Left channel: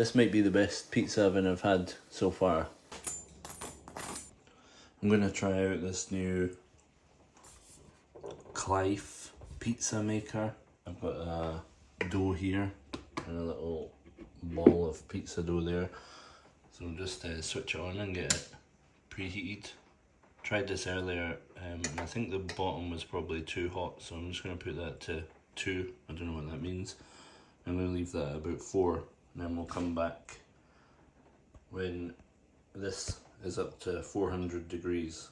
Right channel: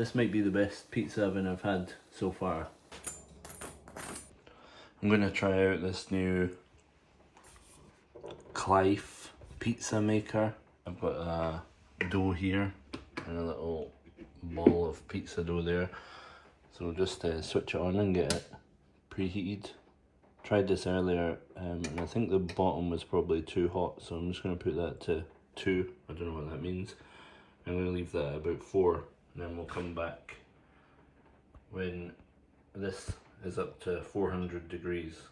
This might be the best pizza oven I've had so far. I'm going to try out this new Klaif pizza maker. I've got a dough here and a little ball of pizza dough there. So we'll just switch it on and get it preheated. Tried this earlier and I think the bottom was probably too hot, so I'm just going to put that to 2. I don't know what that means. I'm going to leave that at about 4 and then we'll come back when this is up to 400 degrees.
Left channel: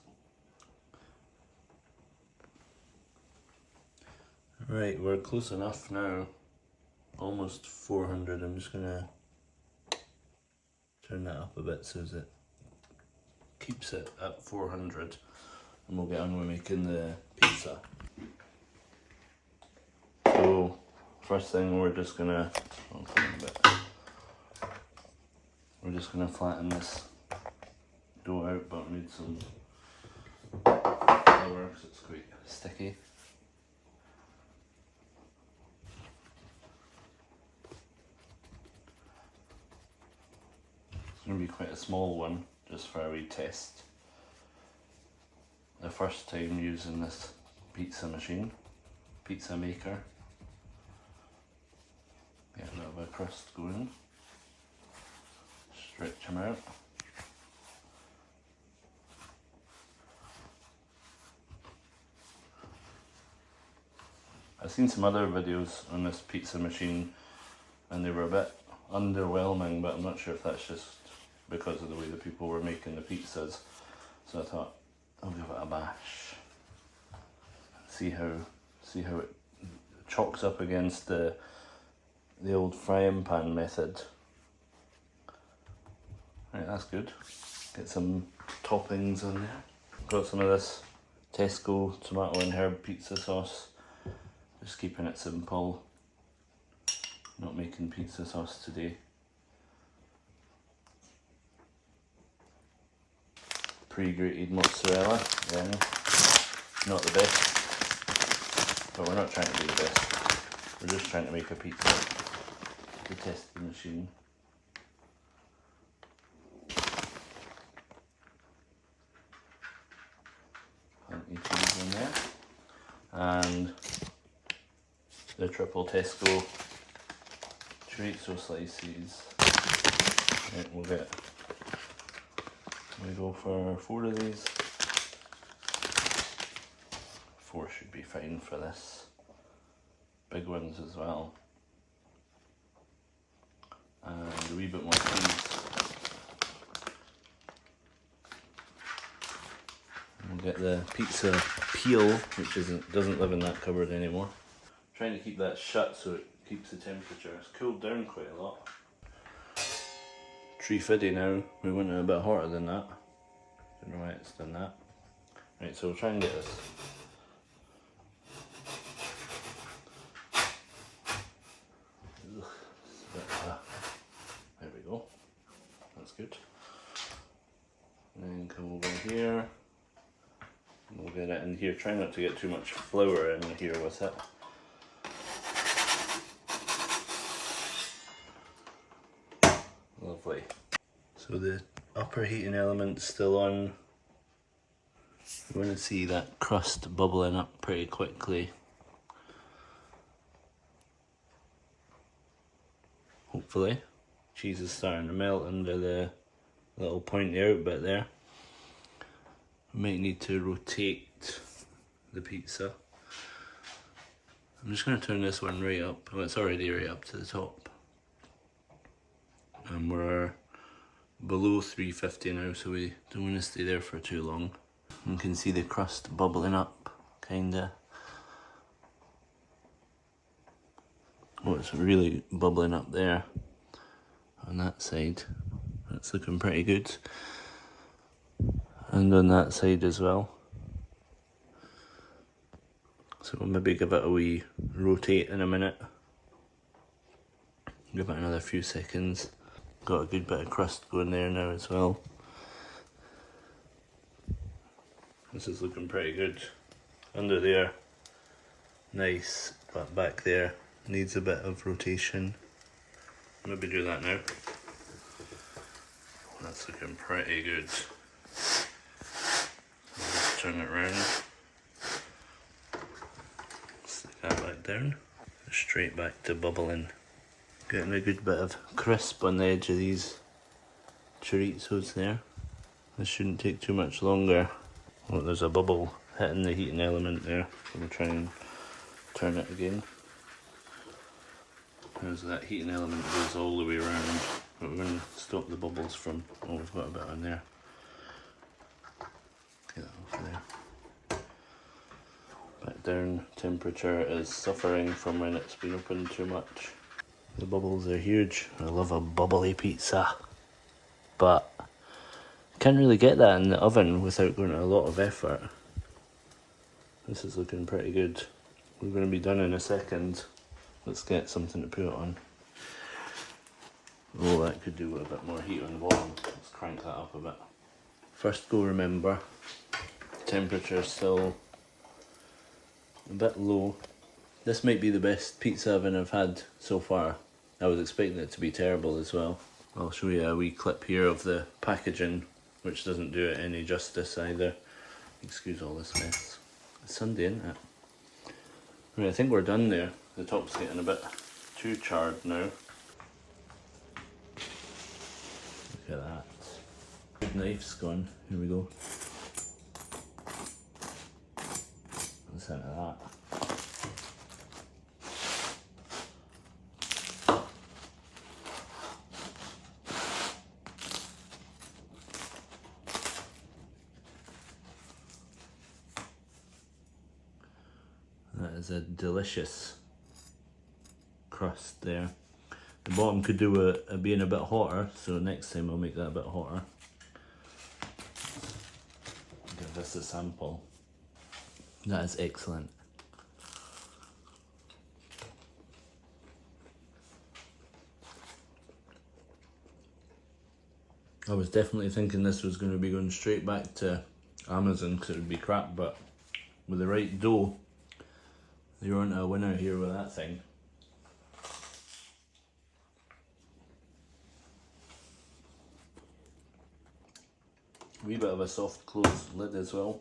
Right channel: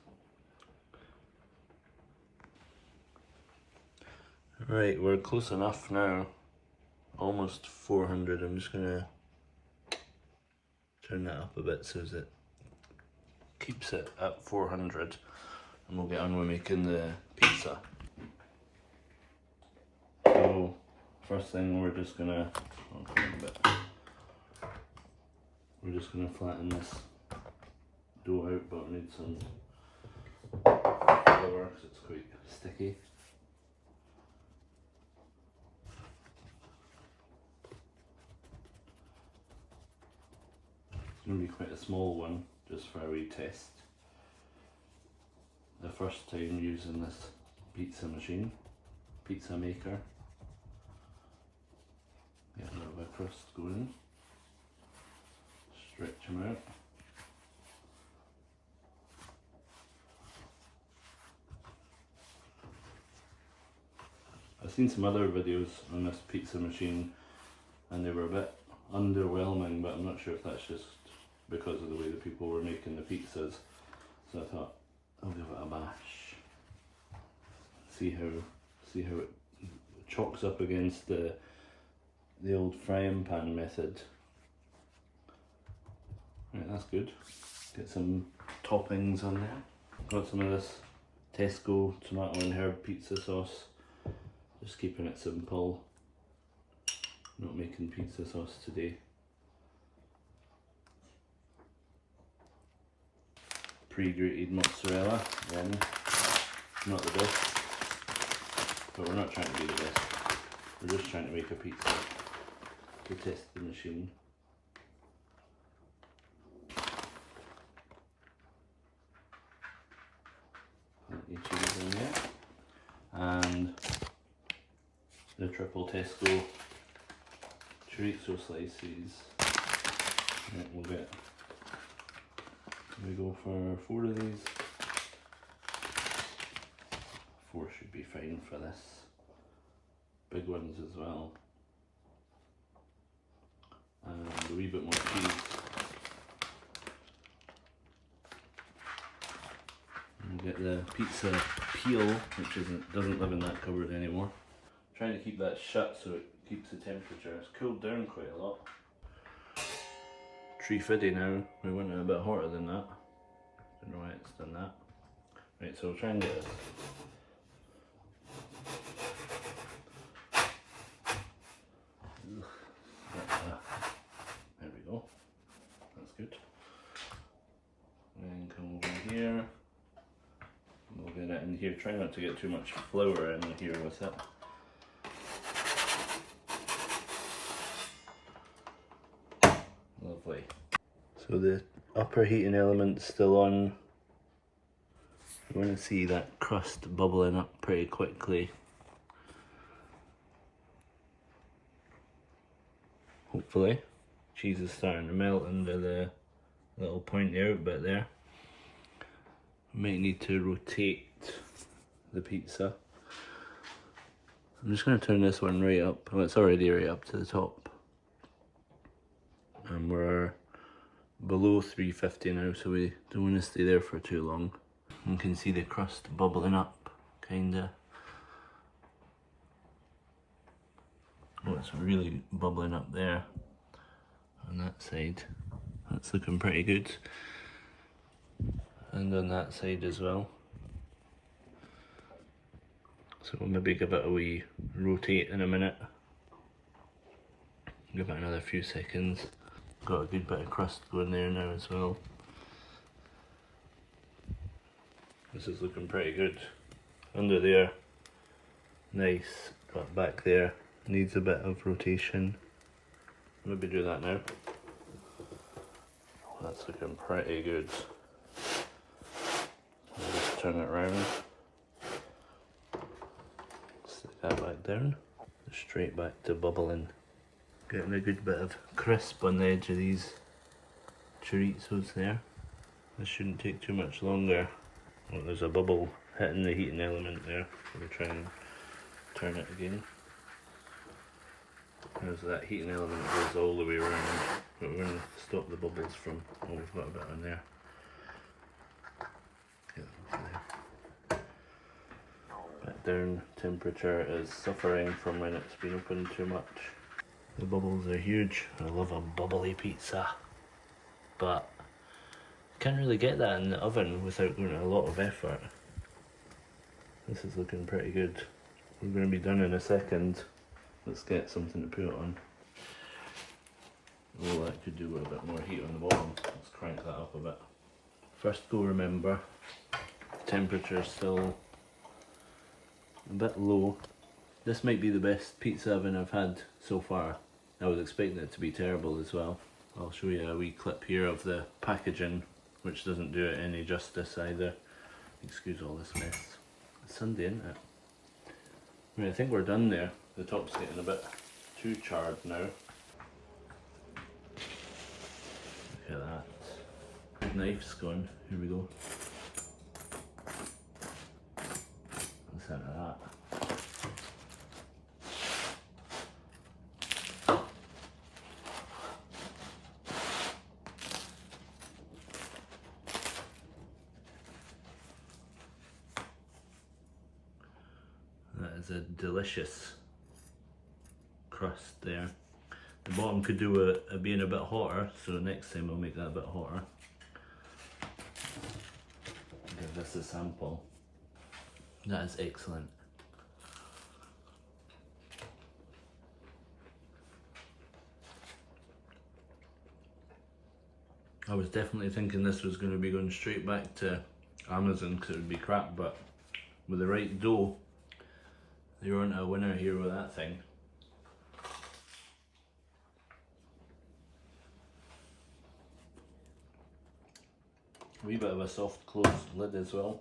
Right, we're close enough now. Almost 400. I'm just going to turn that up a bit so that it keeps it at 400 and we'll get on with making the pizza. So first thing we're just gonna, we're just gonna flatten this dough out, but we need some flour because it's quite sticky. It's going to be quite a small one, just for a wee test. The first time using this pizza maker. Get a bit of a crust going. Stretch them out. I've seen some other videos on this pizza machine and they were a bit underwhelming, but I'm not sure if that's just because of the way the people were making the pizzas. So I thought I'll give it a bash. See how it chalks up against the old frying pan method. Right, that's good. Get some toppings on there. Got some of this Tesco tomato and herb pizza sauce. Just keeping it simple. Not making pizza sauce today. Pre-grated mozzarella, then not the best, but we're not trying to be the best. We're just trying to make a pizza to test the machine. Plenty cheese in there, and the triple Tesco chorizo slices. Right, we go for 4 of these. 4 should be fine for this. Big ones as well. And a wee bit more cheese. We'll get the pizza peel, which doesn't live in that cupboard anymore. Trying to keep that shut so it keeps the temperature. It's cooled down quite a lot. 350 now. We went a bit hotter than that. Don't know why it's done that. Right, so we'll try and get this. There we go. That's good. And then come over here. We'll get it in here. Try not to get too much flour in here with it. Lovely. So the upper heating element's still on. We're going to see that crust bubbling up pretty quickly. Hopefully. Cheese is starting to melt under the little pointy out bit there. We might need to rotate the pizza. I'm just going to turn this one right up. Well, it's already right up to the top. And we're below 350 now, so we don't want to stay there for too long. You can see the crust bubbling up, kinda. Oh, it's really bubbling up there on that side. That's looking pretty good. And on that side as well. So we'll maybe give it a wee rotate in a minute. Give it another few seconds. Got a good bit of crust going there now as well. This is looking pretty good. Under there, nice, but back there needs a bit of rotation. Maybe do that now. That's looking pretty good. I'll just turn it around. Stick that back down. Straight back to bubbling. Getting a good bit of crisp on the edge of these chorizos there. This shouldn't take too much longer. Look, there's a bubble hitting the heating element there. I'm going to try and turn it again. There's that heating element goes all the way around, but we're going to stop the bubbles from, oh, we've got a bit on there. Okay, that was there. Back down, temperature is suffering from when it's been opened too much. The bubbles are huge. I love a bubbly pizza, but can't really get that in the oven without going to a lot of effort. This is looking pretty good. We're going to be done in a second. Let's get something to put it on. Oh, that could do with a bit more heat on the bottom. Let's crank that up a bit. First go, remember, temperature still a bit low. This might be the best pizza oven I've had so far. I was expecting it to be terrible as well. I'll show you a wee clip here of the packaging, which doesn't do it any justice either. Excuse all this mess. It's Sunday, isn't it? Right, I think we're done there. The top's getting a bit too charred now. Look at that. Knife's gone. Here we go. Let's have that. That is a delicious crust there. The bottom could do with being a bit hotter, so next time I'll make that a bit hotter. Give this a sample. That is excellent. I was definitely thinking this was going to be going straight back to Amazon because it would be crap, but with the right dough, they weren't a winner here with that thing. Wee bit of a soft closed lid as well.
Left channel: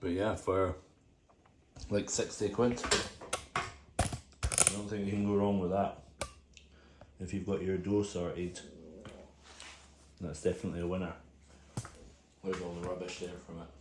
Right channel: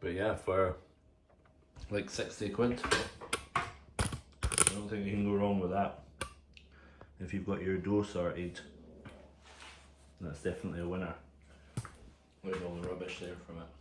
But yeah, for like 60 quid, I don't think you can go wrong with that. If you've got your dough sorted, that's definitely a winner. There's all the rubbish there from it.